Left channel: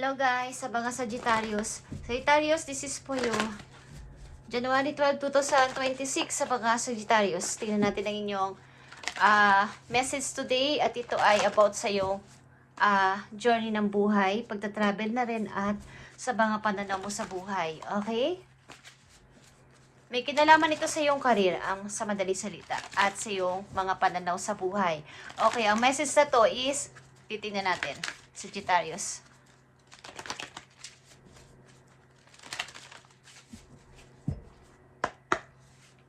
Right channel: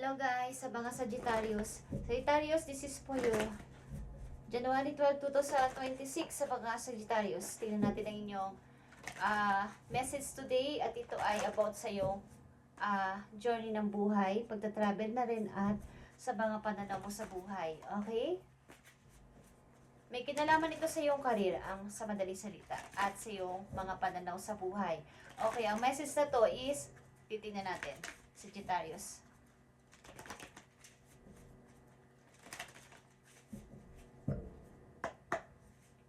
Hello guys, sa mga Sagittarius. Sagittarius, this is for you. January 12, 2026 sa mga Sagittarius. Tingnan natin ang inyong message today at ito ay about sa iyong journey ng buhay, pagta-travel na rin at sa mga pananaw mo sa buhay. Okay? May kinalaman ito sa iyong career, ang sa madaling salita, at sa iyong mga pananaw sa buhay. Okay, ang message na to is, titingnan natin, Sagittarius.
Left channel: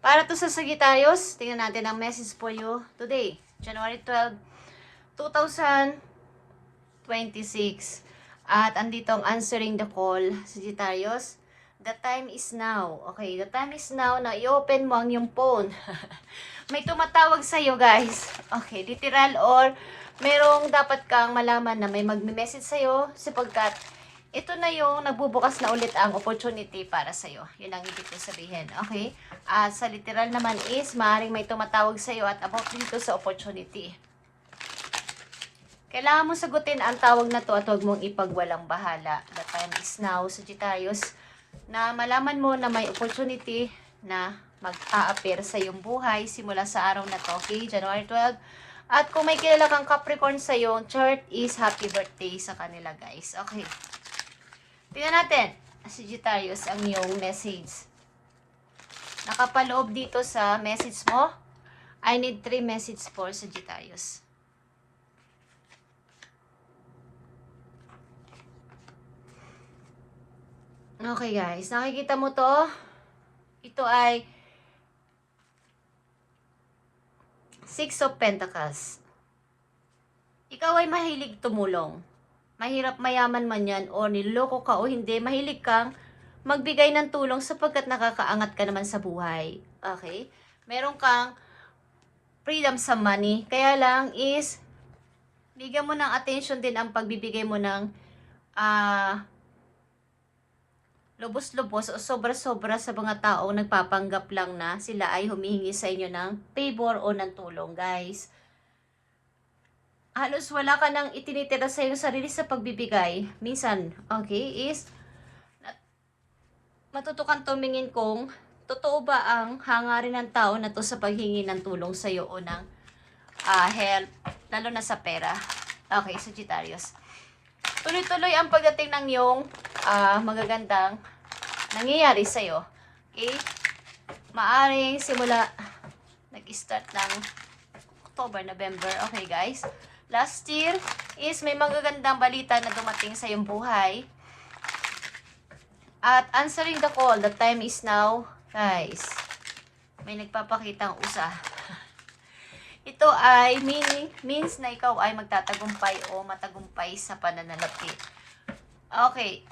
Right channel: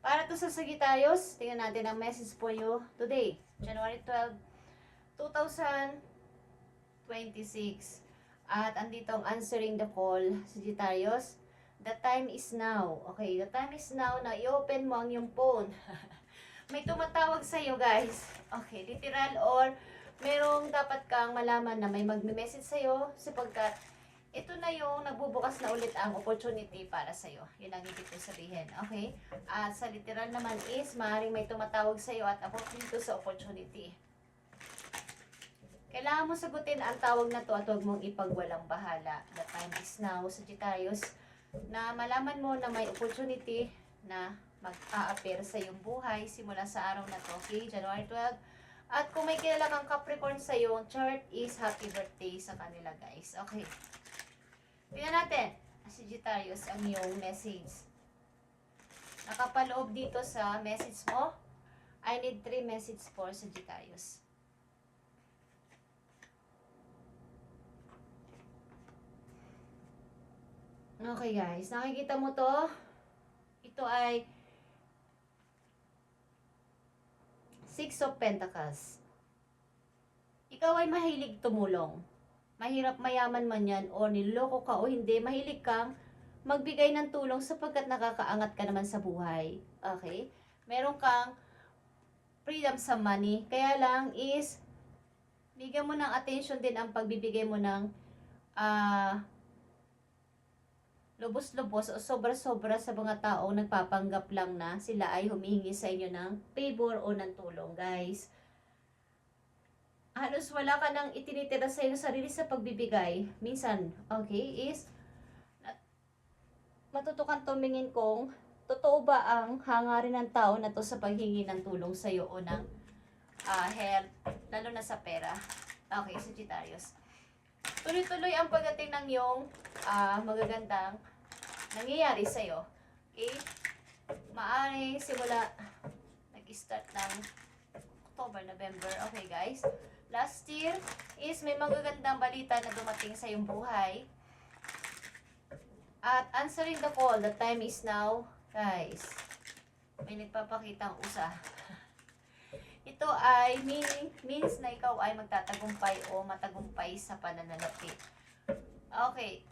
Para to sa Sagittarius, tingnan natin ang message for you today, January 12, 2026. At andito ang answering the call, Sagittarius. The time is now. Okay, the time is now na i-open mo ang iyong phone. May tumatawag sa iyo, guys. Okay, literal or merong dapat kang malaman na may magme-message sa iyo sapagkat ito na yung nagbubukas na ulit ang opportunity para sa iyo. Yun ang ibig ko sabihin. Okay? Sa literal naman is, maaaring may tumatawag sa iyo at about dito sa opportunity. Kailangan mo sagutin ang tawag na to at huwag mong ipagwalang bahala. The time is now, Sagittarius, na malaman mo na may opportunity na mag-a-appear sa iyong buhay simula sa araw na to. Okay? January 12. At kung may kilala kang Capricorn sa iyong chart is happy birthday sa kanila, guys. Okay. Tingnan natin, Sagittarius, ang iyong message. Nakapaloob dito sa message mo. I need 3 messages for Sagittarius. Okay guys, nakikita mo to? Ito ay 6 of Pentacles. Ikaw ay mahilig tumulong. Mahirap mayaman man yan o niloloko ka o hindi, mahilig kang magbigay ng tulong sapagkat nakakaangat ka naman sa buhay. Okay? Meron kang freedom sa money. Kaya lang is, bigyan mo ng attention din ang pagbibigay mo ng lubos-lubos o sobra-sobra sa mga taong nagpapanggap lang na sila ay humihingi sa inyo ng favor o ng tulong, guys. Halos wala ka nang itinitira sa iyong sarili sa pagbibigay. Minsan, okay, is matutukan tumingin kung totoo ba ang hangarin ng tao na to sa paghingi ng tulong sa iyo o ng help, lalo na sa pera. Okay, Sagittarius. Tuloy-tuloy ang pagdating ng iyong magagandang nangyayari sa iyo. Okay? Maaring simula nag-start ng October, November. Okay, guys. Last year is may magagandang balita na dumating sa iyong buhay. At answering the call, the time is now. Guys, may nagpapakitang usa. Ito ay means na ikaw ay magtatagumpay o matagumpay sa pananalapi. Okay.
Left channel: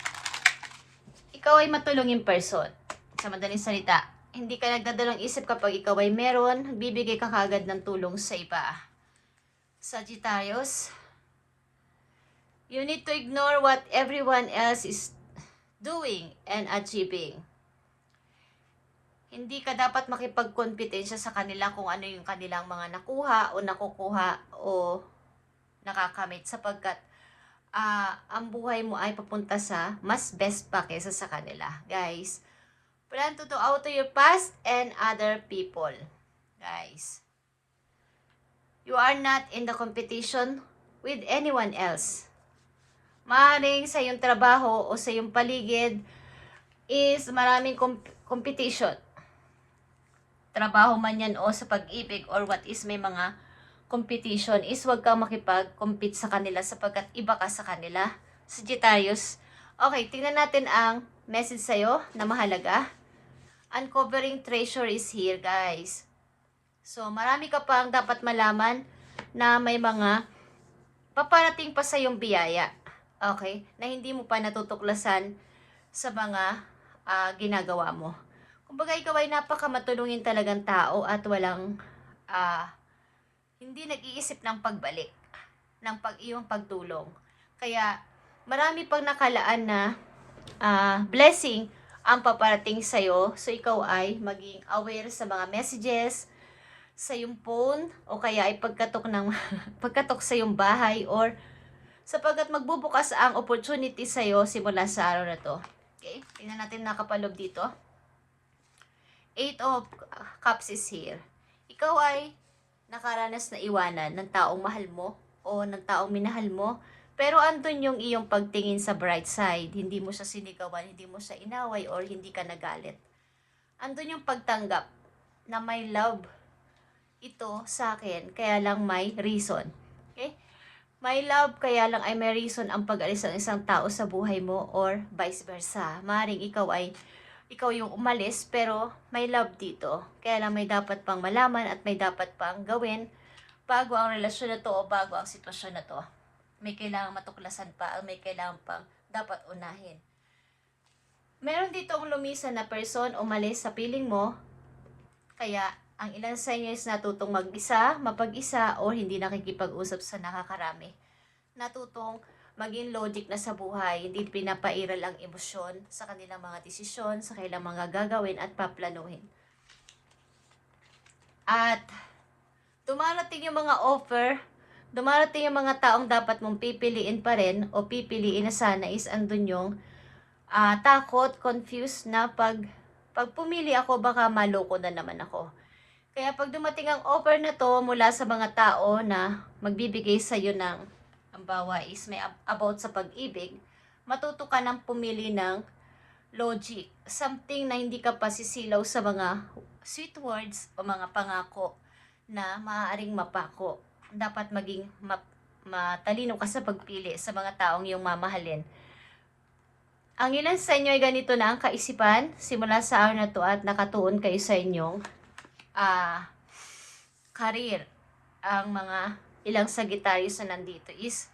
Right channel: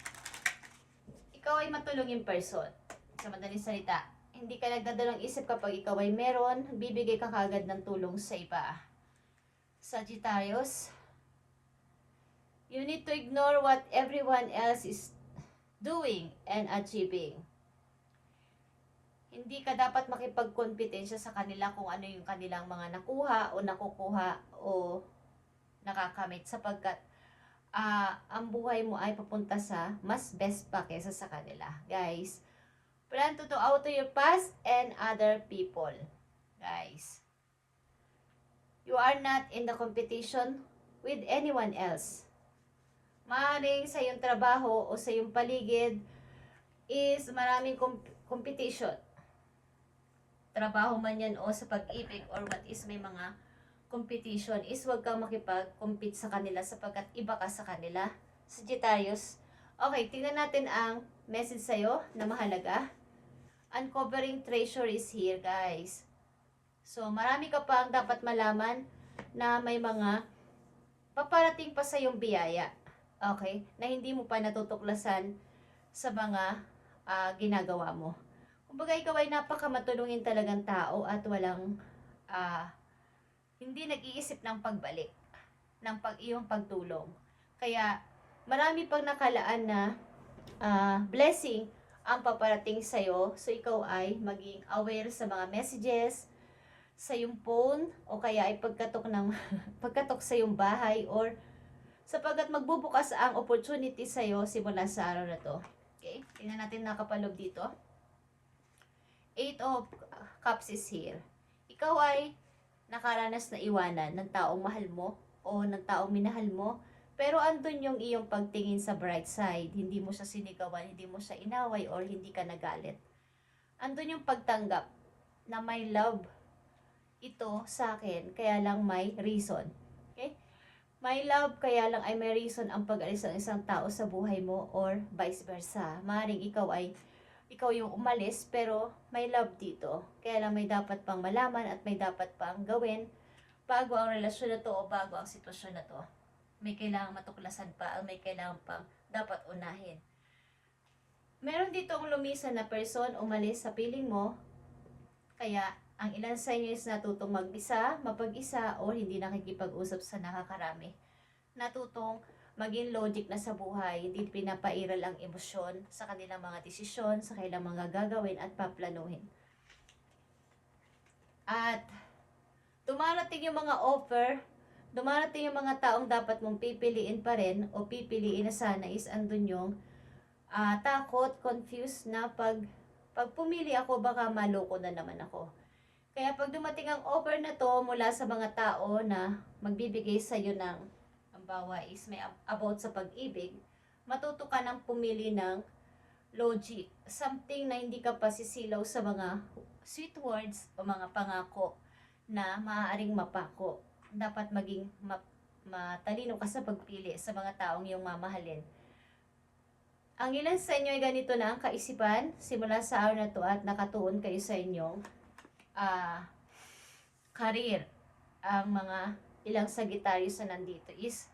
Ikaw ay matulungin person. Sa madaling salita, hindi ka nagdadalawang isip kapag ikaw ay meron, bibigay ka kagad ng tulong sa iba. Sagittarius, you need to ignore what everyone else is doing and achieving. Hindi ka dapat makipagkompetensya sa kanila kung ano yung kanilang mga nakuha o nakukuha o nakakamit sapagkat ang buhay mo ay papunta sa mas best pa kaysa sa kanila. Guys, plan to out to your past and other people. Guys, you are not in the competition with anyone else. Maaaring sa iyong trabaho o sa iyong paligid is maraming competition. Trabaho man yan o sa pag-ibig or what is may mga competition is huwag kang makipag-compete sa kanila sapagkat iba ka sa kanila. Sagittarius. Okay, tingnan natin ang message sa'yo na mahalaga. Uncovering treasure is here, guys. So, marami ka pang dapat malaman na may mga paparating pa sa iyong biyaya. Okay? Na hindi mo pa natutuklasan sa mga ginagawa mo. Kumbaga, ikaw ay napakamatulungin talagang tao at walang hindi nag-iisip ng pagbalik, ng iyong pagtulong. Kaya, marami pang nakalaan na blessing ang paparating sa'yo. So, ikaw ay maging aware sa mga messages sa iyong phone o kaya ay pagkatok sa iyong bahay or sapagkat magbubukas ang opportunity sa'yo simula sa araw na to. Okay? Tingnan natin nakapalob dito. 8 of Cups is here. Ikaw ay nakaranas na iwanan ng taong mahal mo o ng taong minahal mo, pero andun yung iyong pagtingin sa bright side. Hindi mo siya sinigawan, hindi mo siya inaway, or hindi ka nagalit. Andun yung pagtanggap na may love ito sa akin, kaya lang may reason. Okay? May love, kaya lang ay may reason ang pag-alis ng isang tao sa buhay mo, or vice versa. Maring ikaw yung umalis, pero may love dito. Kaya lang may dapat pang malaman at may dapat pang gawin bago ang relasyon na to o bago ang sitwasyon na to. May kailangang matuklasan pa, may kailangan pang dapat unahin. Meron dito ang lumisan na person umalis sa piling mo, kaya ang ilan sa inyo is natutong mag-isa, mapag-isa, o hindi nakikipag-usap sa nakakarami. Natutong maging logic na sa buhay, hindi pinapairal ang emosyon sa kanilang mga desisyon, sa kanilang mga gagawin at paplanuhin. At dumarating yung mga offer, dumarating yung mga taong dapat mong pipiliin pa rin o pipiliin na sana is andun yung takot, confused na pag pumili ako baka maloko na naman ako. Kaya pag dumating ang offer na to mula sa mga tao na magbibigay sa iyo ng bawa is may about sa pag-ibig, matuto ka ng pumili ng logic. Something na hindi ka pasisilaw sa mga sweet words o mga pangako na maaaring mapako. Dapat maging matalino ka sa pagpili sa mga taong iyong mamahalin. Ang ilan sa inyo ay ganito na ang kaisipan simula sa araw na to at nakatuon kayo sa inyong career. Ang mga ilang Sagittarius na nandito is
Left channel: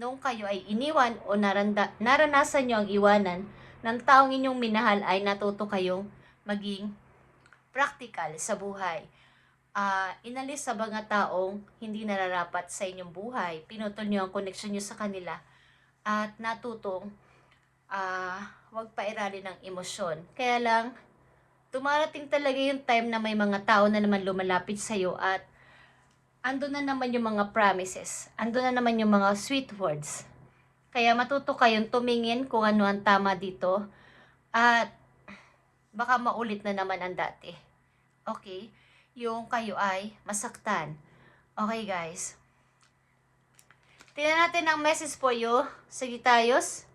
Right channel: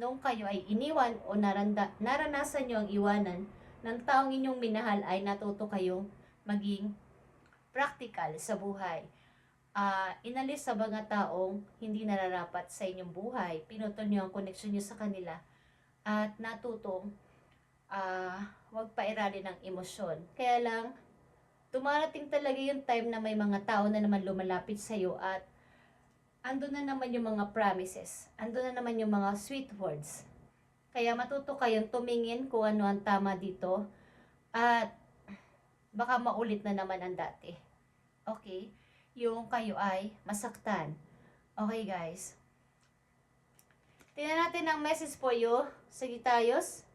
nung kayo ay iniwan o naranasan nyo ang iwanan ng taong inyong minahal, ay natuto kayong maging practical sa buhay. Inalis sa mga taong hindi nararapat sa inyong buhay. Pinutol nyo ang connection nyo sa kanila at natutong wag pairalin ng emosyon. Kaya lang, dumarating talaga yung time na may mga tao na naman lumalapit sa'yo at ando na naman yung mga promises. Ando na naman yung mga sweet words. Kaya matuto kayong tumingin kung ano ang tama dito. At baka maulit na naman ang dati. Okay? Yung kayo ay masaktan. Okay guys? Tingnan natin ang message for you, Sagittarius.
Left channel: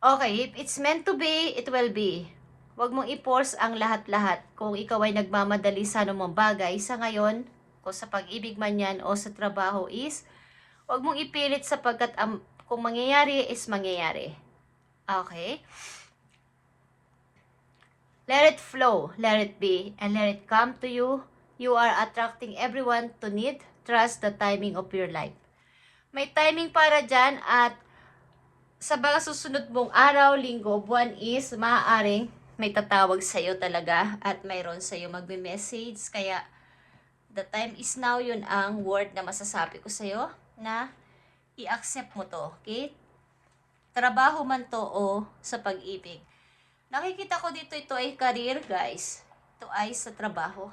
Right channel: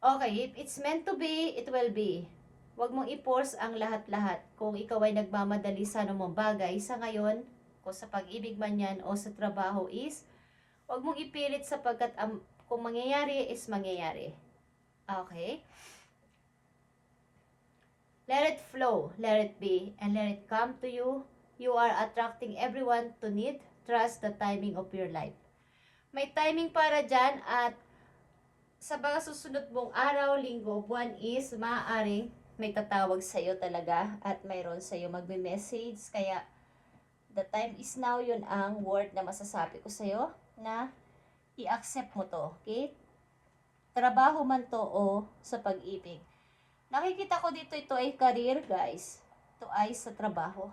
Okay, if it's meant to be, it will be. Huwag mong i-force ang lahat-lahat. Kung ikaw ay nagmamadali sa anumang bagay sa ngayon, o sa pag-ibig man yan o sa trabaho is, huwag mong ipilit sapagkat kung mangyayari is mangyayari. Okay? Let it flow, let it be, and let it come to you. You are attracting everyone to need. Trust the timing of your life. May timing para dyan at sa mga susunod mong araw, linggo, buwan is maaaring may tatawag sa'yo talaga at mayroon sa'yo magbe-message. Kaya the time is now, yun ang word na masasabi ko sa'yo na i-accept mo to. Okay? Trabaho man to o sa pag-ibig. Nakikita ko dito, ito ay career guys. Ito ay sa trabaho.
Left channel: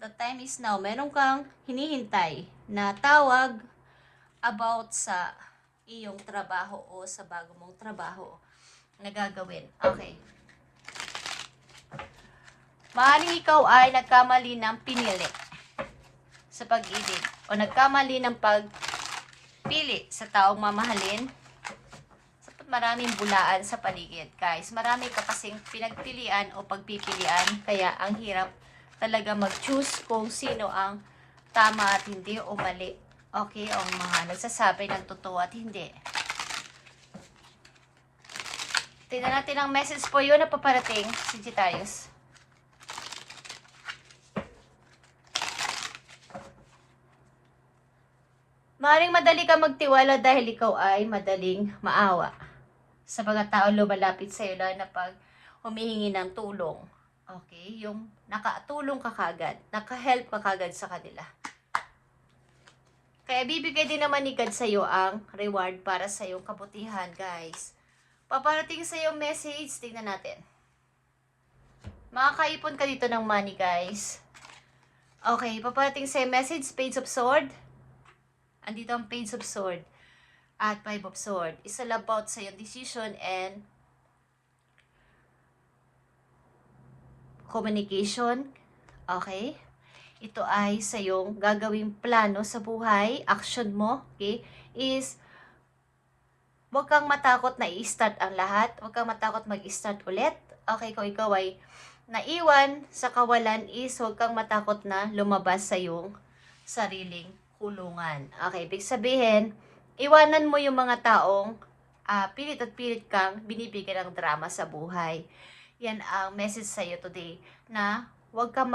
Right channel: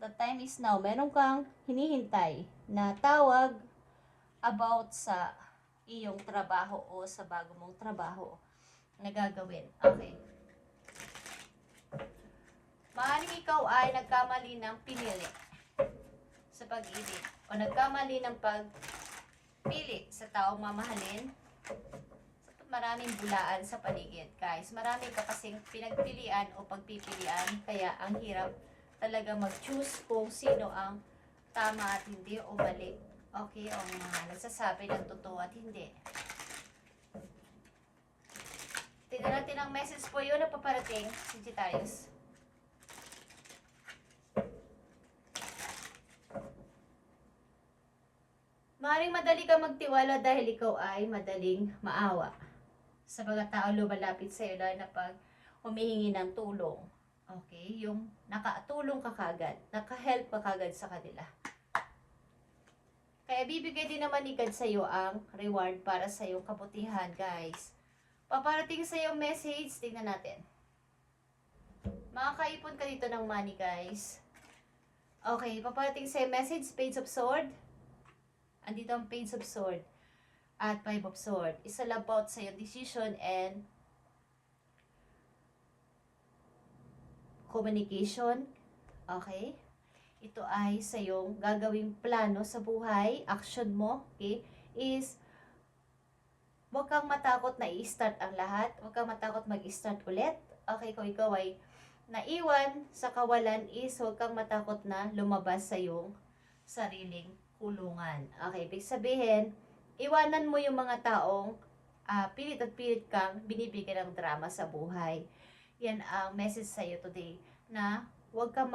The time is now. Meron kang hinihintay na tawag about sa iyong trabaho o sa bago mong trabaho na gagawin. Okay. Maaaring ikaw ay nagkamali ng pinili sa pag-ibig o nagkamali ng pagpili sa taong mamahalin. Sapat maraming bulaan sa paligid, guys. Marami ka kasing pinagpilian o pagpipilian, kaya ang hirap talaga mag-choose kung sino ang tama at hindi o mali. Okay, o mga nagsasabi ng totoo at hindi. Tingnan natin ang message po yun na paparating, Sagittarius. Maaaring madali ka magtiwala dahil ikaw ay madaling maawa sa mga tao lumalapit sa iyo na pag humihingi ng tulong. Okay? Yung nakatulong ka kagad, nakahelp ka kagad sa kanila. Kaya bibigay din naman ni God sa iyo ang reward para sa iyong kabutihan, guys. Paparating sa iyo message, tingnan natin. Makakaipon ka dito ng money, guys. Okay, paparating sa iyo message, Page of Sword. Andito ang Page of Sword at Five of Sword. It's all about sa iyong decision and communication. Okay? Ito ay sa iyong gagawing plano sa buhay, action mo, okay, is huwag kang matakot na i-start ang lahat, huwag kang matakot mag-start ulit. Okay, kung ikaw ay naiwan sa kawalan is huwag kang matakot na lumabas sa iyong sariling kulungan. Okay, ibig sabihin, iwanan mo yung mga taong pilit at pilit kang binibigyan ng drama sa buhay. Yan ang message sa iyo today, na huwag kang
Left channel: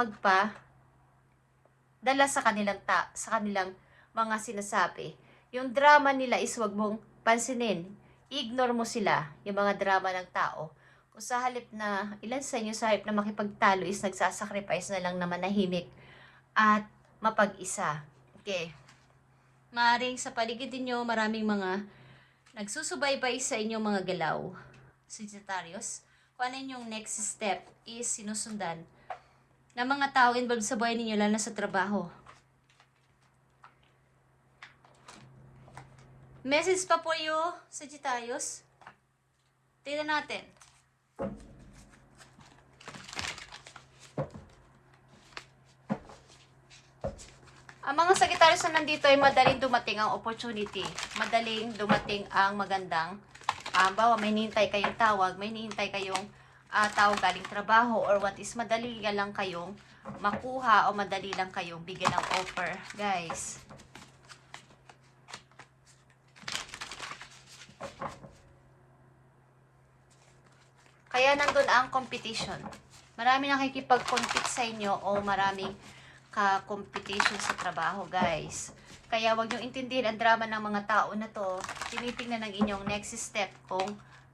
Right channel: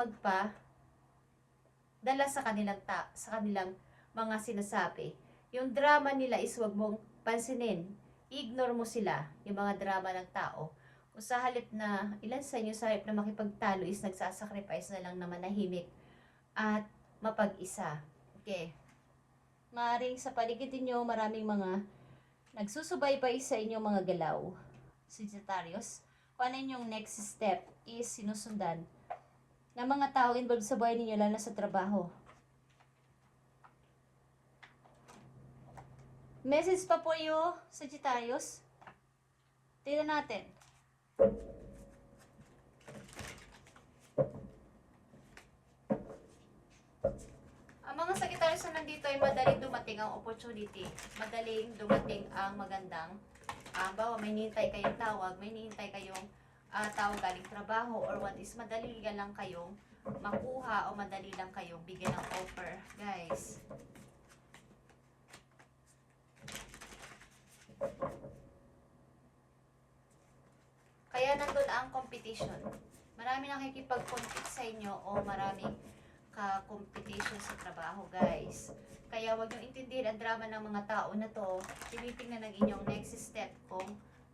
dala sa kanilang mga sinasabi. Yung drama nila is wag mong pansinin. Ignore mo sila, yung mga drama ng tao. Kung sa halip na, ilan sa inyo sa halip na makipagtalo is nagsasacrifice na lang na manahimik at mapag-isa. Okay. Maaring sa paligid ninyo, maraming mga nagsusubaybay sa inyong mga galaw. Sagittarius, kung ano yung next step is sinusundan ng mga tao involved sa buhay ninyo, lalo na sa trabaho. Message pa po you, Sagittarius. Tingnan natin. Ang mga Sagittarius na nandito ay madaling dumating ang opportunity. Madaling dumating ang magandang bawa may hinihintay kayong tawag, may hinihintay kayong tawag galing trabaho, or what is madali lang kayong makuha o madali lang kayong bigyan ng offer, guys. Kaya nandun ang competition. Marami nakikipag-compete sa inyo o maraming ka-competition sa trabaho, guys. Kaya wag nyo intindihin ang drama ng mga tao na to. Tinitingnan ng inyong next step kung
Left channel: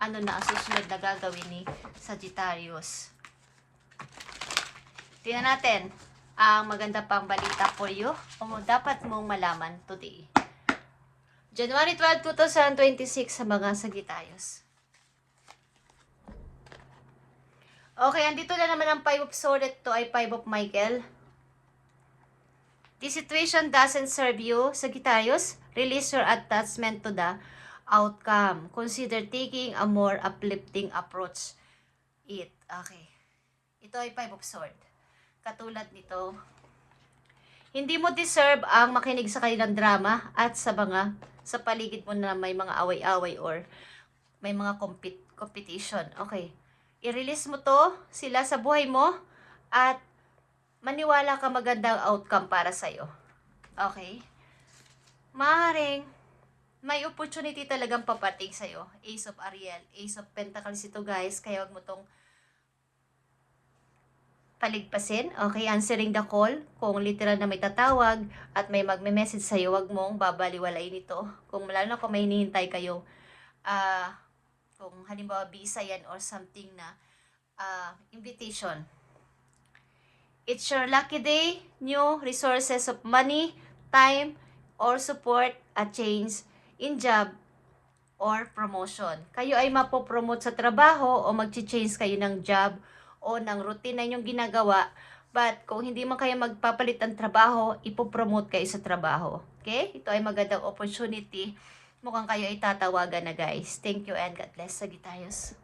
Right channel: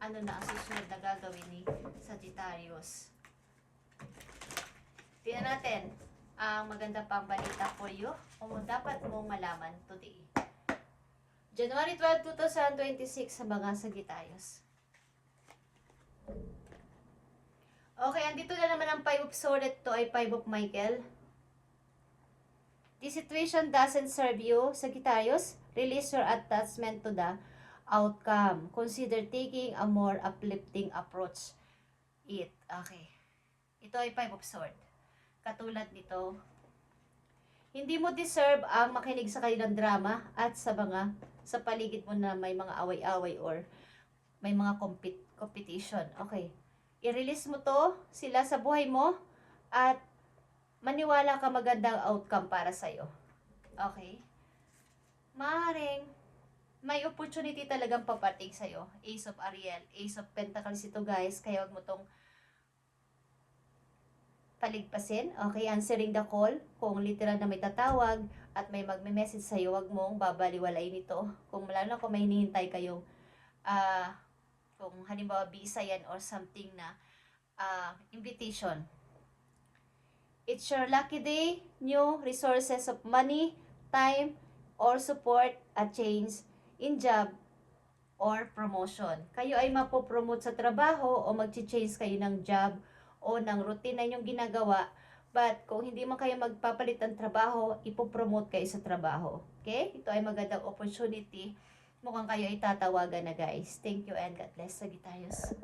ano na ang susunod na gagawin ni Sagittarius. Tingnan natin ang maganda pang balita for you o dapat mong malaman today. January 12, 2026 sa mga Sagittarius. Okay, andito na naman ang Five of Swords. Ito ay Five of Michael. This situation doesn't serve you, Sagittarius. Release your attachment to the outcome. Consider taking a more uplifting approach. Okay. Ito ay Five of Swords. Katulad nito, hindi mo deserve ang makinig sa kanilang drama at sa paligid mo na may mga away-away or may mga competition. Okay. I-release mo to, sila sa buhay mo, at maniwala ka magandang outcome para sa'yo. Okay? Maaaring may opportunity talagang papating sa'yo. Ace of Ariel, Ace of Pentacles ito, guys. Kaya wag mo tong paligpasin. Okay, answering the call. Kung literal na may tatawag at may magme-message sa'yo, wag mong babaliwalain ito. Kung lalo kung may hinihintay kayo, kung halimbawa visa yan or something na invitation. It's your lucky day, new resources of money, time, or support, a change in job or promotion. Kayo ay mapopromote sa trabaho o mag-change kayo ng job o ng routine na inyong ginagawa. But kung hindi man kayo magpapalit ng trabaho, ipopromote kayo sa trabaho. Okay? Ito ay magandang opportunity. Mukhang kayo ay tatawagan na, guys. Thank you and God bless, Sagittarius.